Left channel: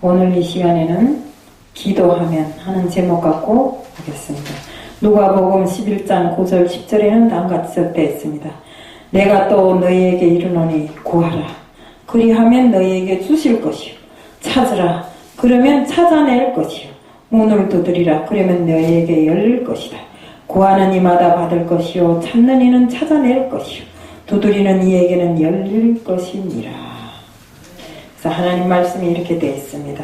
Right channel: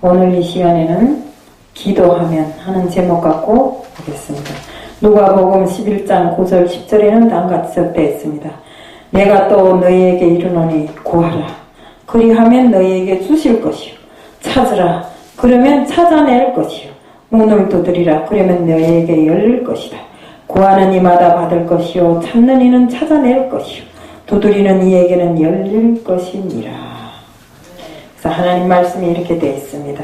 오늘 이 시간에는 기도하면 하는 제목 갖고 하겠습니다. 누가복음 11장 9절 10절에는 다음같이 적되어 있습니다. 내가 또 너희에게 이르노니 구하라. 그리하면 너희에게 주실 것이요. 찾으라. 그러면 찾아낼 것이요. 문을 두드리라. 그러면 너희에게 열릴 것이다. 구하는 이마다 받을 것이요. 찾는 이는 찾아낼 것이요. 두드리는 이에게는 열릴 것이니라. 그래서 하나님 말씀이 이렇게 되어 있습니다.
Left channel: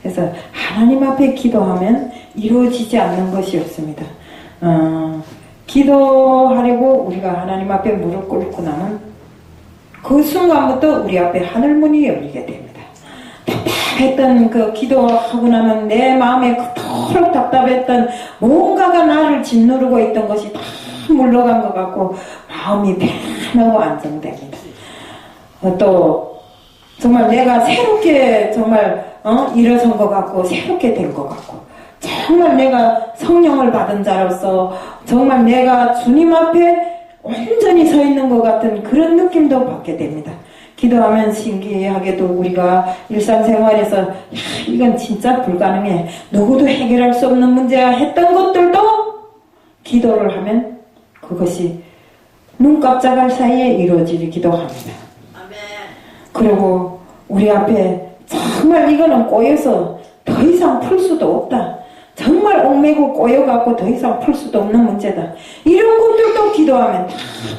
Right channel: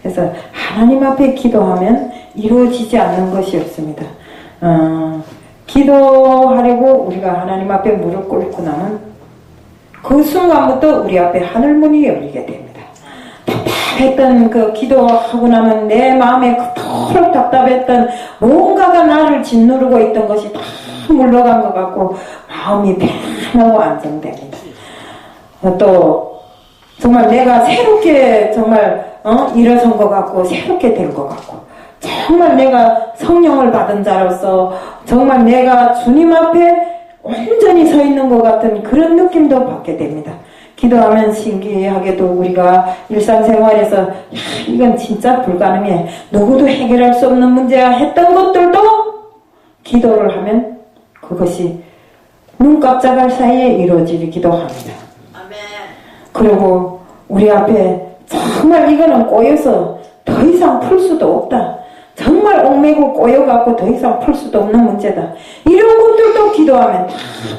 그래서 하나님 앞에 기도하면 이루어지지 않는 것이 없습니다. 기도하려고 우리가 하나님 앞에 무릎 꿇고 나면 그 순간부터 우리 앞에 하늘문이 열리게 됩니다. 답답했던 그 기도하고 나면 내 마음에 그토록 답답했던 뭔가가 나를 짓누르고 있던 것이 다 물러간 것 같고 마음이 편하고 안정됩니다. 또 정말 내가 새롭게 정말 일어선 것 같고 새롭게 된 것 같고 정말 내가 성령을 받은 자로서 정말 내가 주님 앞에 온전히 서 있는 것 같은 그런 느낌도 받게 됩니다. 기도하면 신기하게도 우리가 일상생활에서 이건 진짜 불가능해, 누구도 해결할 수 없는 문제야 했던 것들도 기도를 하면 그것이 눈 깜짝할 사이에 이루어지기도 합니다. 그리고 우리 앞에 정말 이거는 꼬여서 더 이상 풀 수도 없다, 정말 얽매고 꼬여갖고 더 이상 풀 수도 없는 문제다, 이런 것들도 기도하면 다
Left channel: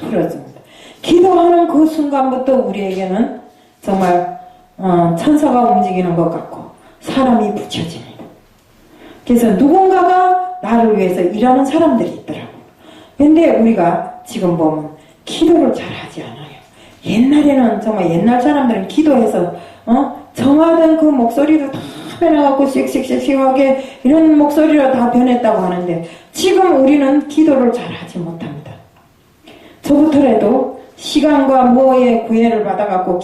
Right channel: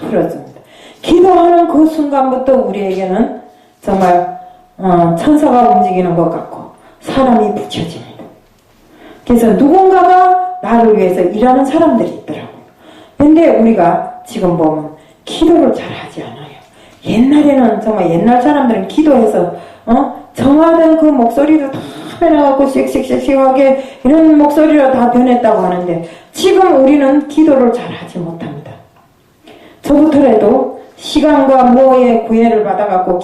풀어집니다. 기도하는 그 순간부터 우리에게는 정말 천사가 움직이는 것 같고 사람이 붙여집니다. 그래서 누군가가 나를 위해서 일하는 사람들이 있더라고요. 근데 우리가 지금 보면 기도를 잘 하지 않아요. 옛날에는 정말 옛날 사람들은 기도해서 정하던 그 목소리도 다 변해갖고 씩씩씩씩하게 이런 목소리로 다 변했다고 하는데 지금 우리는 기도를 잘 하지 못합니다. 저부터라도 시간과 뭐에 구애를 받아갖고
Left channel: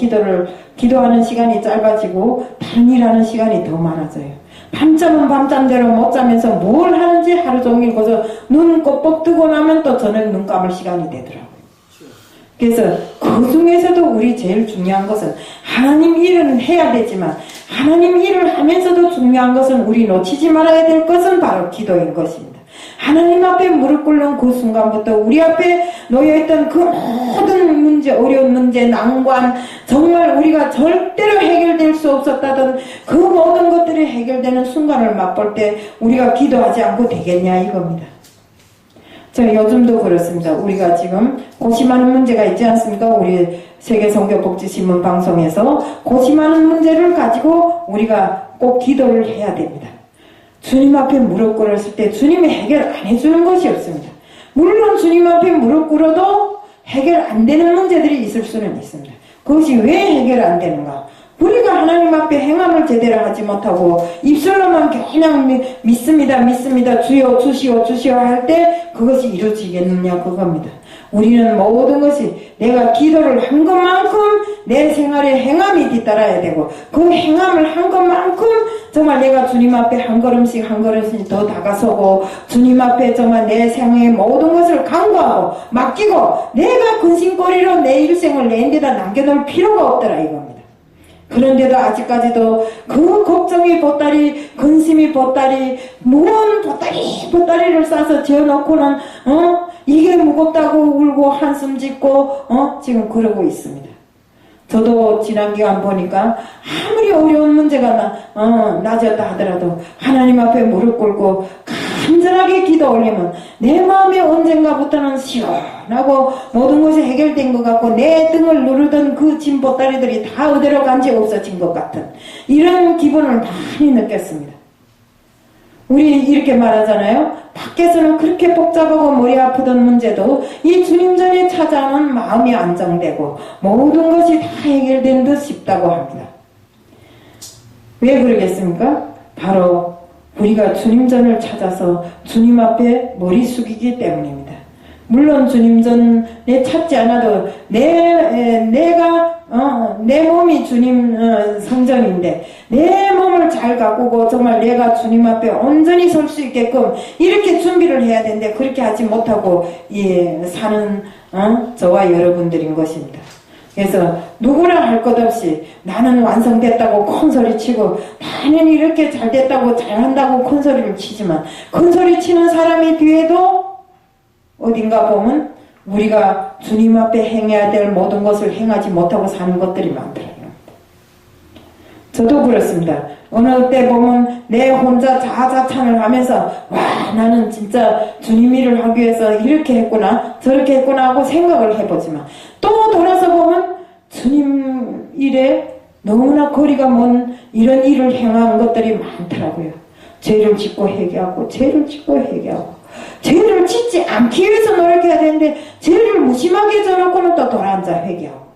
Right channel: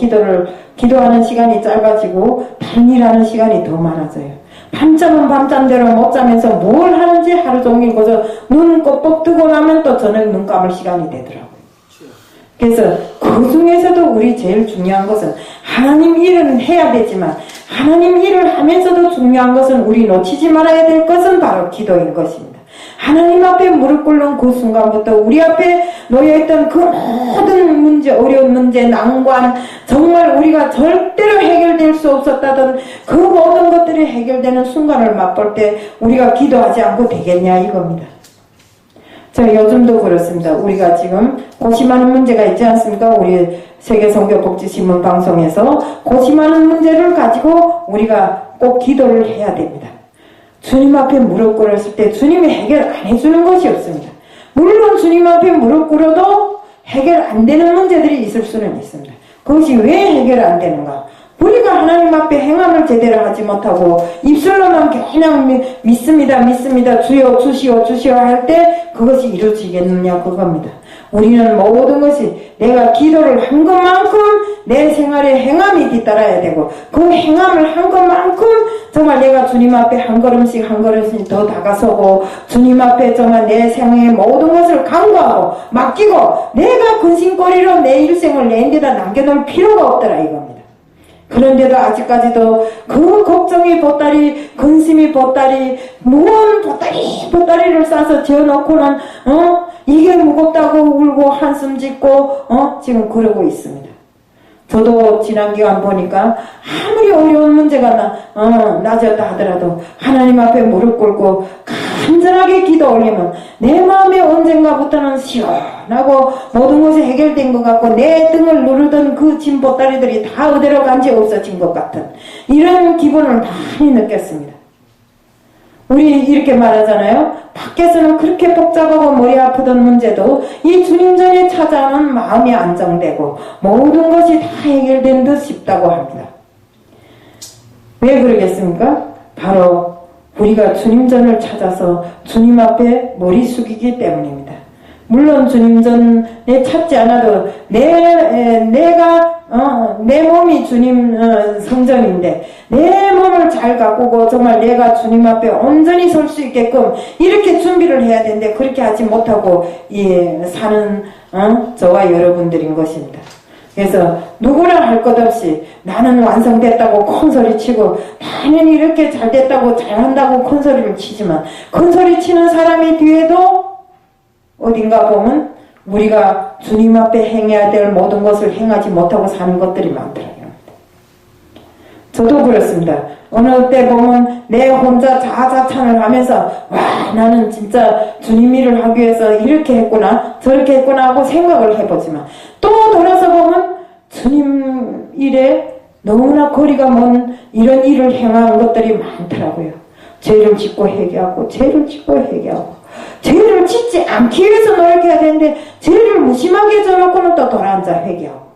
기도하는 시간이 짧아지고 다른 일하는 시간이 더 많아져요. 밤잠은 밤잠대로 못 자면서 뭘 하는지 하루 종일 거서 눈 꼭 뜨고 나면 또 저녁 눈 감을 시간이 되더라고요. 그래서 그 중에서도 우리 제일 중요한 것은 하나님 일은 해야 되지만 하나님 일을 하면서도 중요한 것은 우리 놓치지 말아야 될 것은 바로 기도인 것입니다. 하나님 앞에 무릎 꿇는 그 순간부터 우리 앞에 놓여있던 그 모든 문제, 어려운 문제, 난관, 정말 우리가 절대로 해결될 수 없었다던 그 모든 것들이 해결되는 순간을 맛볼 때 우리가 기도하지 않고 되겠냐 이겁니다. 자, 요즘도 그렇습니다. 우리가 지금 고심하는 문제가 있지 않습니까? 우리 세계선교복지신문 방송에서 고심하는 문제를 가지고 우리가 꼭 기도를 해야 됩니다. 주님 앞에 무릎 꿇었을 때 주님이 해결 안 해주는 것이 없습니다. 물론 주님 앞에 무릎 꿇어도 해결 안 되는 문제들이 있을 수는 있습니다. 그것이 왜 해결 안 되는가? 우리가 하나님 앞에 행함을 제대로 하지 못하고 입술로만 그냥 믿습니다 주여 주시오 할 때 그것이 이루어지겠느냐 그겁니다. 우리는 모든 것이 내가 기도를 한 것만큼 내 생활에 행함이 뒤따라야 되고 그 행함을 한 것만큼 정말 내가 주님 앞에 한 걸음씩 더 다가서고 주님 앞에 정말 내 생애의 모든 것을 간구하고 맡기고 내가 근심거리로 내 일생을 내 데다 남겨놓을 필요가 없더라 이겁니다. 그런데도 아직까지도 그 걱정이 보따리, 근심이 보따리, 무언 보따리를 싸서 지어놓고는 이게 무겁다고 울고 한숨 짓고 지금 그러고 있습니다. 저도 지난 기간 보니까 아무리 어려운 문제가 낮았다 하더라도 하나님 앞에 무릎 꿇고 간절하게 기도 올리면 내 마음에 언젠가부터는 시원하고 모든 것이 해결된 것 같고 내 등을 누르던 그 짐 보따리들이 다 어디로 간지 없어진 것 같은 이런 기분을 많이 느꼈습니다. 우리 이렇게 말하잖아요. 밖에서는 그렇게 복잡하고 머리 아프던 문제도 이 주님 전에 찾아오는 마음이 안정되고 모든 것이 다 해결된 듯 싶다고 합니다. 왜 그러겠습니까? 바로 우리가 주님 전을 찾아서 주님 앞에 머리 숙이기 때문입니다. 물론 주님 전에 찾지 않아도 내가 내 몸이 주님 성전인데 내 몸을 잘 가꾸고 정말 내가 주님 앞에 온전히 설 수 있게끔 이렇게 준비를 해야 되는데 그렇게 하지 못하고 사는 저와 여러분들인 것입니다. 그래서 누구나 할 것 없이 나는 완성됐다고 큰소리 치고 나는 이렇게 잘 됐다고 잘한다고 큰소리를 치지만 큰소리 치는 사람이 뒤에도 어딘가 보면 우리가 주님 앞에 행해야 될 모든 것을 행하지 못하고 사는 것들이 많더라고요. 저도 그렇습니다. 어느 때 보면 내 혼자 자아자찬을 하면서 와 나는 진짜 주님 일을 하기 위해서 이렇게 했구나 저렇게 했구나 하고 생각을 해보지만 또 돌아서 보면 주님 일에 너무나 거리가 먼 이런 일을 행한 것들이 많더라고요. 죄를 짓고 회개하고 죄를 짓고 회개하고 죄를 짓지 않기 위해서 노력해야 되는데 죄를 무심하게 져놓고는 또 돌아앉아 회개하고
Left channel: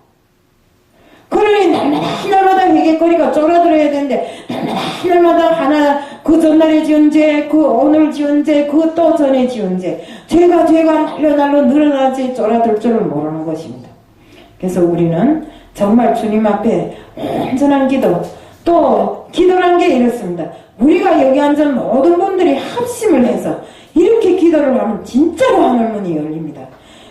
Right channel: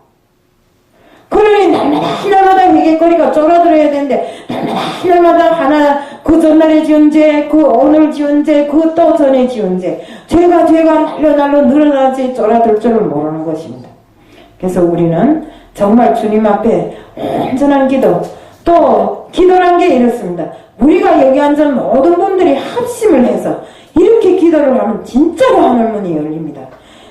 그러니 날마다 회개거리가 쫄아들어야 되는데 날마다 하나 그 전날에 지은 죄, 그 오늘 지은 죄, 그 또 전에 지은 죄 죄가 날로 늘어나지 쫄아들 줄을 모르는 것입니다. 그래서 우리는 정말 주님 앞에 온전한 기도 또 기도란 게 이렇습니다. 우리가 여기 앉은 모든 분들이 합심을 해서 이렇게 기도를 하면 진짜로 하늘문이 열립니다.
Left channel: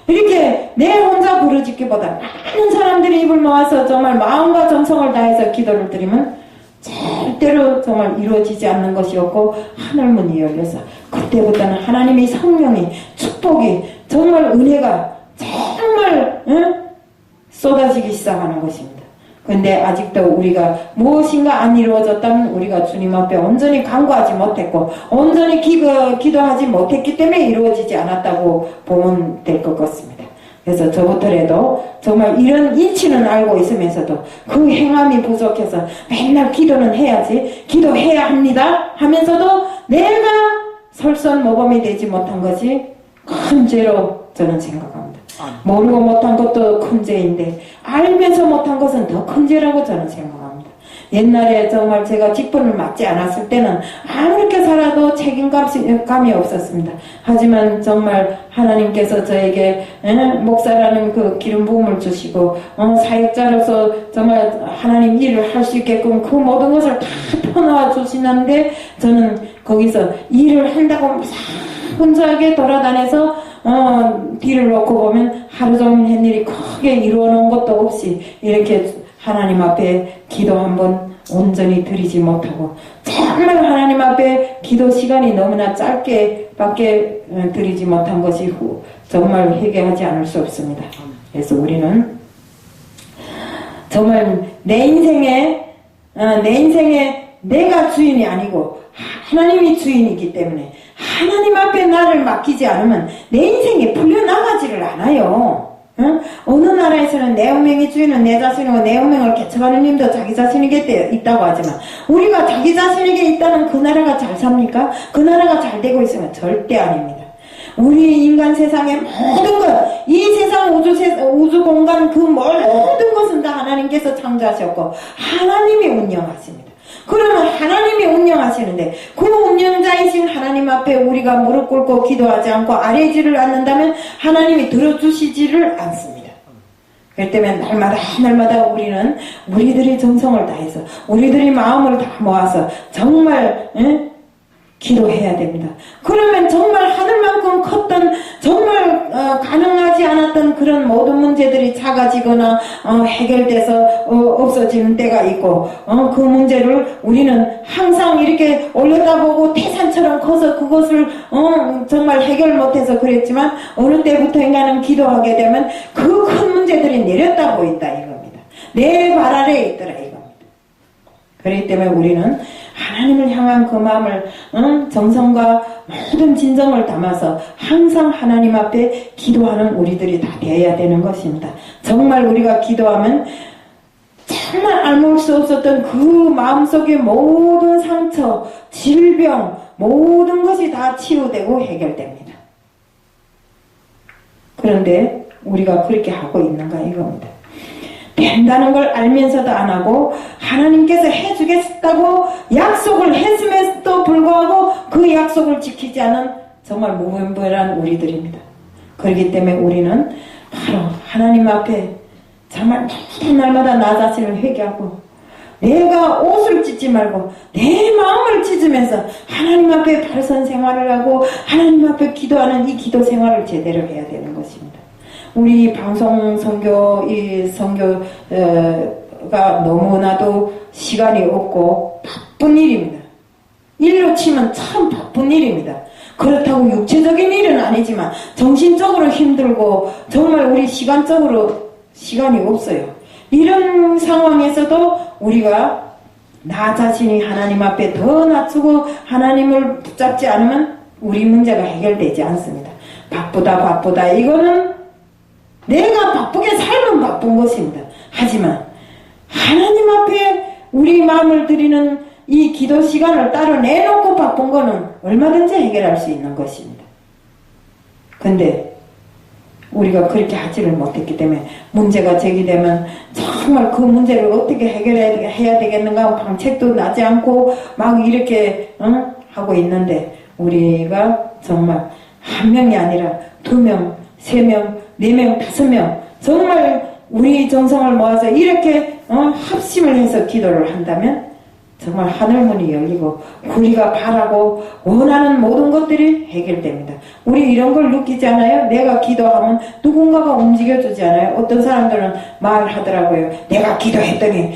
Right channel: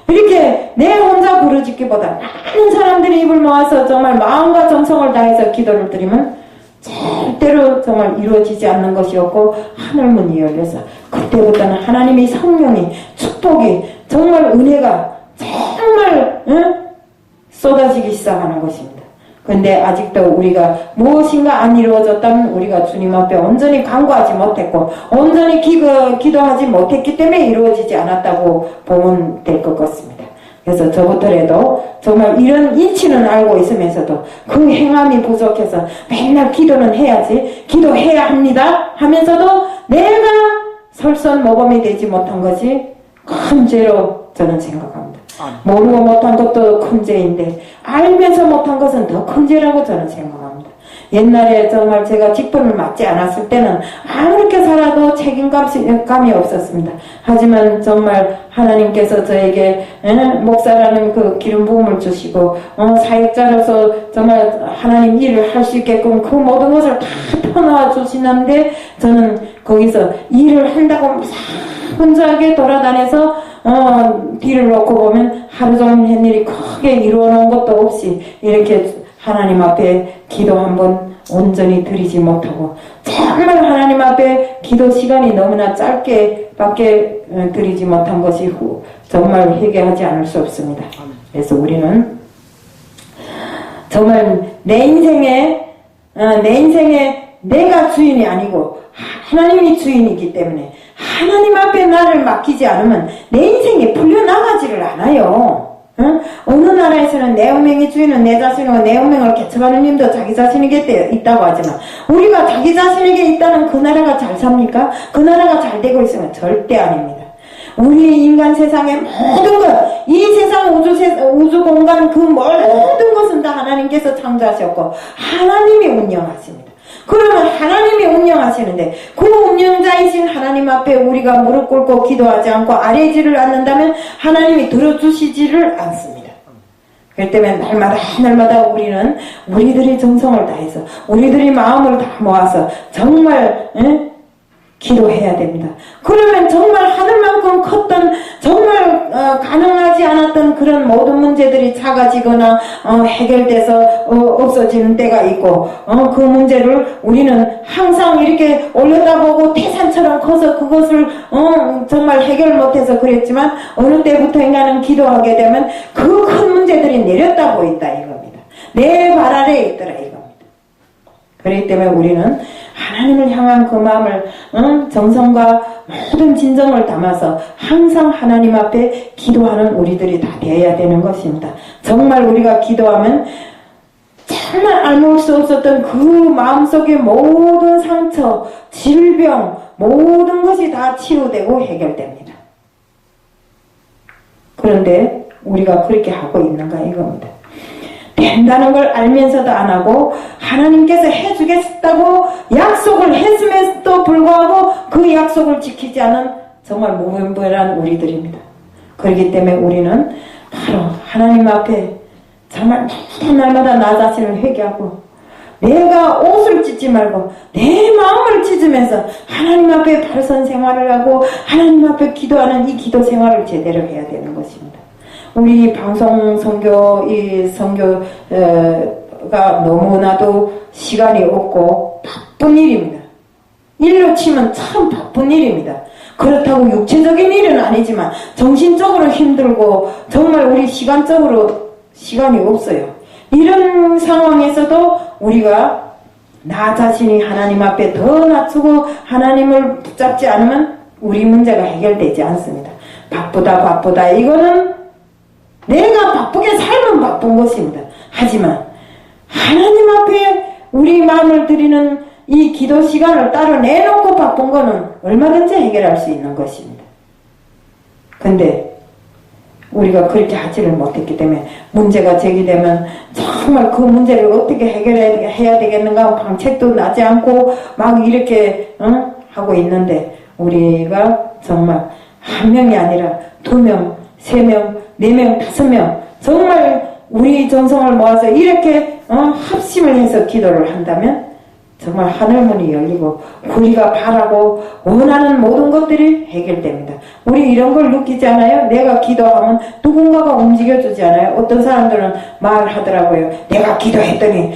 이렇게 내 혼자 부르짖기보다 많은 사람들이 입을 모아서 정말 마음과 정성을 다해서 기도를 드리면 절대로 정말 이루어지지 않는 것이었고 하늘문이 열려서 그때부터는 하나님의 성령이 축복이 정말 은혜가 정말 쏟아지기 시작하는 것입니다. 근데 아직도 우리가 무엇인가 안 이루어졌다면 우리가 주님 앞에 온전히 간구하지 못했고 온전히 기도하지 못했기 때문에 이루어지지 않았다고 보면 될 것 같습니다. 그래서 저부터라도 정말 이런 이치는 알고 있으면서도 그 행함이 부족해서 맨날 기도는 해야지 기도해야 합니다 하면서도 내가 설선모범이 되지 못한 것이 큰 죄로 저는 생각합니다. 모르고 못한 것도 큰 죄인데 알면서 못한 것은 더 큰 죄라고 저는 생각합니다. 옛날에 정말 제가 직분을 맡지 않았을 때는 아무렇게 살아도 책임감이 없었습니다. 하지만 정말 하나님께서 저에게 목사라는 그 기름 부음을 주시고 사역자로서 정말 하나님 일을 할 수 있게끔 그 모든 것을 다 퍼놓아 주시는데 저는 거기서 일을 한다고 혼자하게 돌아다녀서 뒤를 놓고 보면 하루 종일 한 일이 크게 이루어 놓은 것도 없이 이렇게 하나님 앞에 기도 한번 온전히 드리지 못하고 정말 하나님 앞에 기도 시간이 너무나 짧게 밖에 드리지 못한 것이 정말 회개하지 않을 수 없습니다. 그래서 우리는 정말 내 인생에 내가 주인이 아니고 하나님이 주인이기 때문에 하나님 앞에 나를 맡기지 않으면 내 인생이 풀려나가지를 않아요. 어느 나라에서는 내 운명의 주인은 내 자신이고 내 운명을 개척하는 님도 자기 자신에게 있다고 하지만 우리가 자기 자신에게 있다는 그 나라가 잘 삽니까? 그 나라가 잘 되고 있으면 절대 아닙니다. 우리 인간 세상의 모든 것, 이 세상 우주 공간 그 모든 것은 다 하나님께서 창조하셨고 하나님이 운영하십니다. 그러면 하나님이 운영하시는데 그 운영자이신 하나님 앞에 우리가 무릎 꿇고 기도하지 않고 아뢰지를 않는다면 하나님이 들어주시지를 않습니다. 그렇기 때문에 날마다 우리는 우리들의 정성을 다해서 우리들의 마음을 다 모아서 정말 기도해야 됩니다. 그러면 정말 하늘만큼 컸던 정말 가능하지 않았던 그런 모든 문제들이 작아지거나 해결돼서 없어지는 때가 있고 그 문제를 우리는 항상 이렇게 올려다보고 태산처럼 커서 그것을 정말 해결 못해서 그랬지만 어느 때부터인가는 기도하게 되면 그 큰 문제들이 내렸다 보인다 이겁니다. 내 발 아래에 있더라 이겁니다. 그렇기 때문에 우리는 하나님을 향한 그 마음을 정성과 모든 진정을 담아서 항상 하나님 앞에 기도하는 우리들이 다 되어야 되는 것입니다. 정말 우리가 기도하면 정말 알물 수 없었던 그 마음속의 모든 상처, 질병, 모든 것이 다 치유되고 해결됩니다. 그런데 우리가 그렇게 하고 있는가 이겁니다. 된다는 걸 알면서도 안 하고 하나님께서 해주겠다고 약속을 했음에도 불구하고 그 약속을 지키지 않은 정말 무분별한 우리들입니다. 그렇기 때문에 우리는 바로 하나님 앞에 정말 날마다 나 자신을 회개하고 내가 옷을 찢지 말고 내 마음을 찢으면서 하나님 앞에 바르선 생활을 하고 하나님 앞에 기도하는 이 기도 생활을 제대로 해야 되는 것입니다. 우리 방송 선교, 이 선교가 너무나도 시간이 없고 바쁜 일입니다. 일로 치면 참 바쁜 일입니다. 그렇다고 육체적인 일은 아니지만 정신적으로 힘들고 정말 우리 시간적으로 시간이 없어요. 이런 상황에서도 우리가 나 자신이 하나님 앞에 더 낮추고 하나님을 붙잡지 않으면 우리 문제가 해결되지 않습니다. 바쁘다 이거는 내가 바쁘게 살면 바쁜 것입니다. 하지만 하나님 앞에 우리 마음을 드리는 이 기도 시간을 따로 내놓고 바쁜 거는 얼마든지 해결할 수 있는 것입니다. 근데 우리가 그렇게 하지를 못했기 때문에 문제가 제기되면 정말 그 문제를 어떻게 해결해야 되겠는가 방책도 나지 않고 막 이렇게 하고 있는데 우리가 정말 한 명이 아니라 2명, 3명, 4명, 5명 정말 우리 전성을 모아서 이렇게 합심을 해서 기도를 한다면 정말 하늘문이 열리고 우리가 바라고 원하는 모든 것들이 해결됩니다. 우리 이런 걸 느끼지 않아요? 내가 기도하면 누군가가 움직여주지 않아요? 어떤 사람들은 말하더라고요. 내가 기도했더니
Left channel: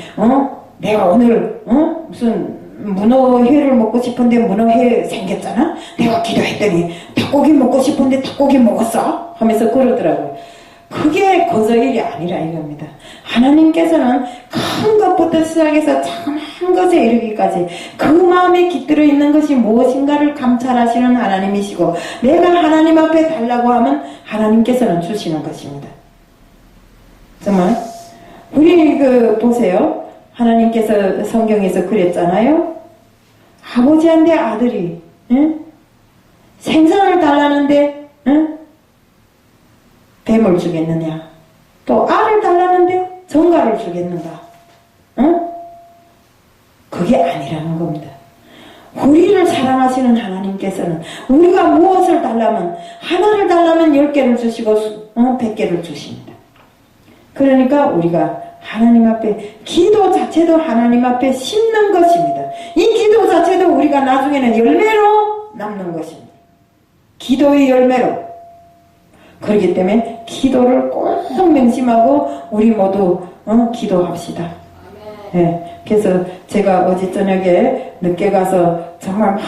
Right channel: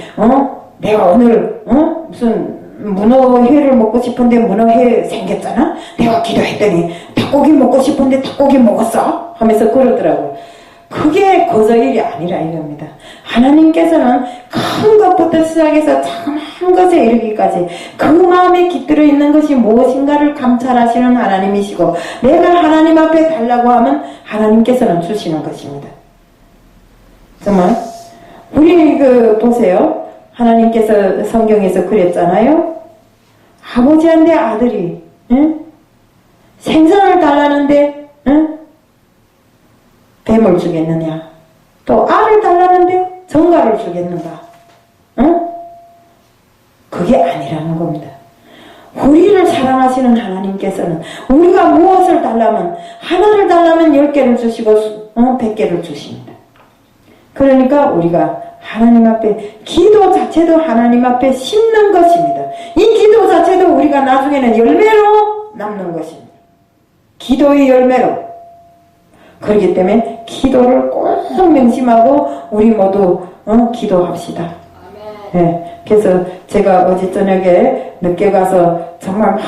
내가 오늘 무슨 문어회를 먹고 싶은데 문어회 생겼잖아? 내가 기도했더니 닭고기 먹고 싶은데 닭고기 먹었어? 하면서 그러더라고요. 그게 거저일이 아니라 이겁니다. 하나님께서는 큰 것부터 시작해서 작은 것에 이르기까지 그 마음에 깃들어 있는 것이 무엇인가를 감찰하시는 하나님이시고 내가 하나님 앞에 달라고 하면 하나님께서는 주시는 것입니다. 정말 우리 보세요. 하나님께서 성경에서 그랬잖아요. 아버지한테 아들이 생선을 달라는데 뱀을 주겠느냐? 또 알을 달라는데 정갈을 주겠는가? 그게 아니라는 겁니다. 우리를 사랑하시는 하나님께서는 우리가 무엇을 달라면 하나를 달라면 10개를 주시고 100개를 주십니다. 그러니까 우리가 하나님 앞에 기도 자체도 하나님 앞에 심는 것입니다. 이 기도 자체도 우리가 나중에는 열매로 남는 것입니다. 기도의 열매로. 그렇기 때문에 기도를 꼭 명심하고 우리 모두 기도합시다. 네, 그래서 제가 어제 저녁에 늦게 가서 정말 막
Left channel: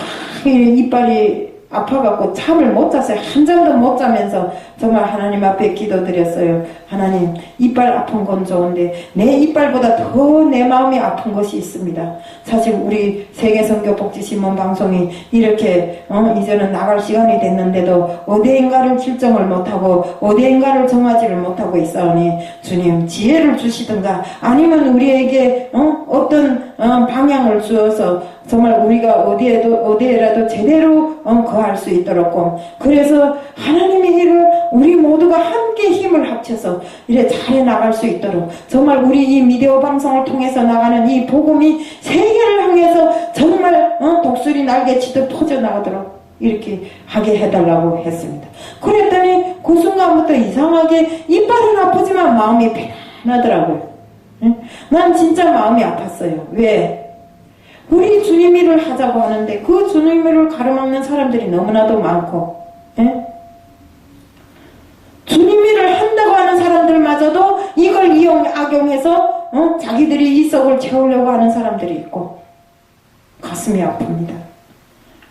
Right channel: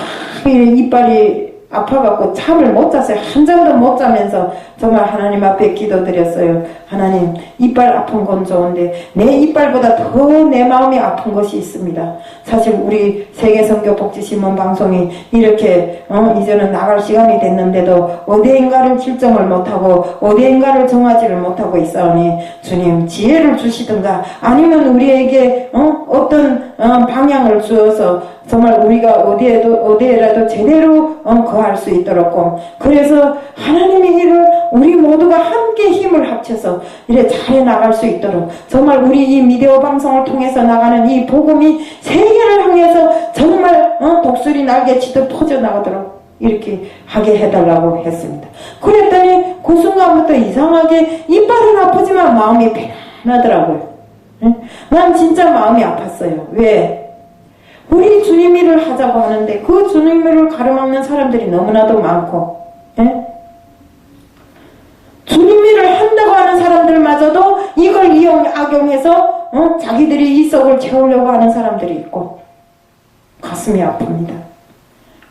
이빨이 아파갖고 잠을 못 잤어요. 한 잠도 못 자면서 정말 하나님 앞에 기도드렸어요. 하나님, 이빨 아픈 건 좋은데 내 이빨보다 더 내 마음이 아픈 것이 있습니다. 사실 우리 세계선교복지신문 방송이 이렇게 이제는 나갈 시간이 됐는데도 어디인가를 결정을 못하고 어디인가를 정하지를 못하고 있사오니 주님 지혜를 주시든가 아니면 우리에게 어떤 방향을 주어서 정말 우리가 어디에라도 제대로 거할 수 있도록 그래서 하나님의 일을 우리 모두가 함께 힘을 합쳐서 이래 잘 나갈 수 있도록 정말 우리 이 미디어 방송을 통해서 나가는 이 복음이 세계를 향해서 정말 독수리 날개치듯 퍼져나가도록 이렇게 하게 해달라고 했습니다. 그랬더니 그 순간부터 이상하게 이빨은 아프지만 마음이 편하더라고요. 난 진짜 마음이 아팠어요. 왜? 우리 주님 일을 하자고 하는데 그 주님 일을 가로막는 사람들이 너무나도 많고 주님 일을 한다고 하는 사람들마저도 이걸 악용해서 자기들이 이 속을 채우려고 하는 사람들이 있고 가슴이 아픕니다.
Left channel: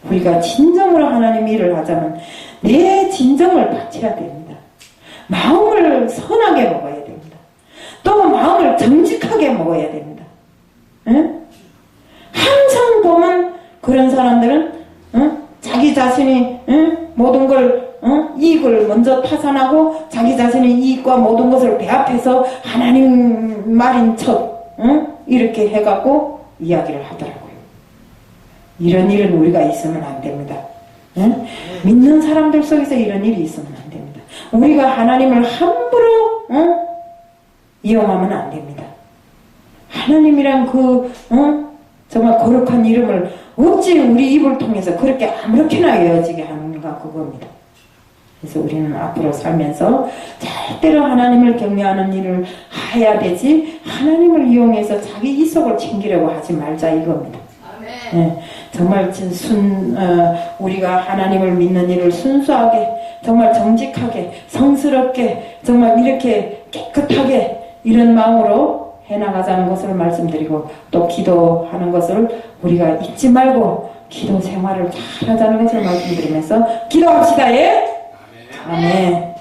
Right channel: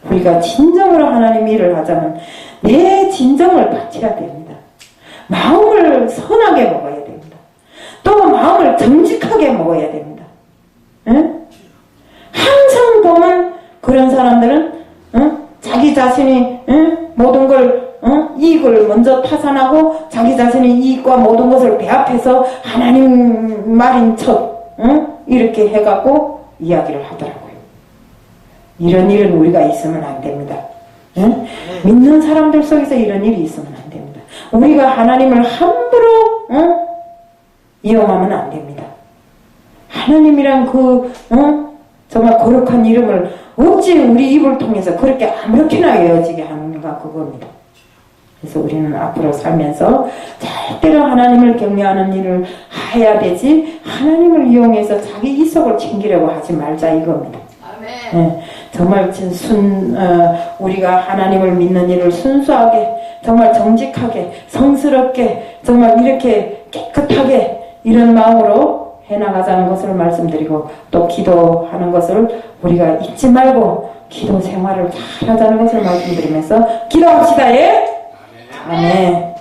우리가 진정으로 하나님 일을 하자면 내 진정을 바쳐야 됩니다. 마음을 선하게 먹어야 됩니다. 또 마음을 정직하게 먹어야 됩니다. 항상 보면 그런 사람들은 자기 자신이 모든 걸 이익을 먼저 타산하고 자기 자신의 이익과 모든 것을 배합해서 하나님 말인 척 이렇게 해갖고 이야기를 하더라고요. 이런 일은 우리가 있으면 안 됩니다. 믿는 사람들 속에서 이런 일이 있으면 안 됩니다. 우리가 하나님을 함부로 이용하면 안 됩니다. 하나님이란 정말 거룩한 이름을 어찌 우리 입을 통해서 그렇게 아무렇게나 외워지게 하는가 그겁니다. 그래서 우리는 앞으로 살면서 절대로 하나님을 경외하는 일을 해야 되지 하나님을 이용해서 자기 이속을 챙기려고 하지 말자 이겁니다. 네. 정말 우리가 하나님을 믿는 일을 순수하게, 정말 정직하게, 성스럽게, 정말 이렇게 깨끗하게 이런 마음으로 해나가자는 것을 말씀드리고, 또 기도하는 것을 우리가 잊지 말고 기도 생활을 잘 하자는 것을 말씀드리면서 기도합시다. 예? 아멘.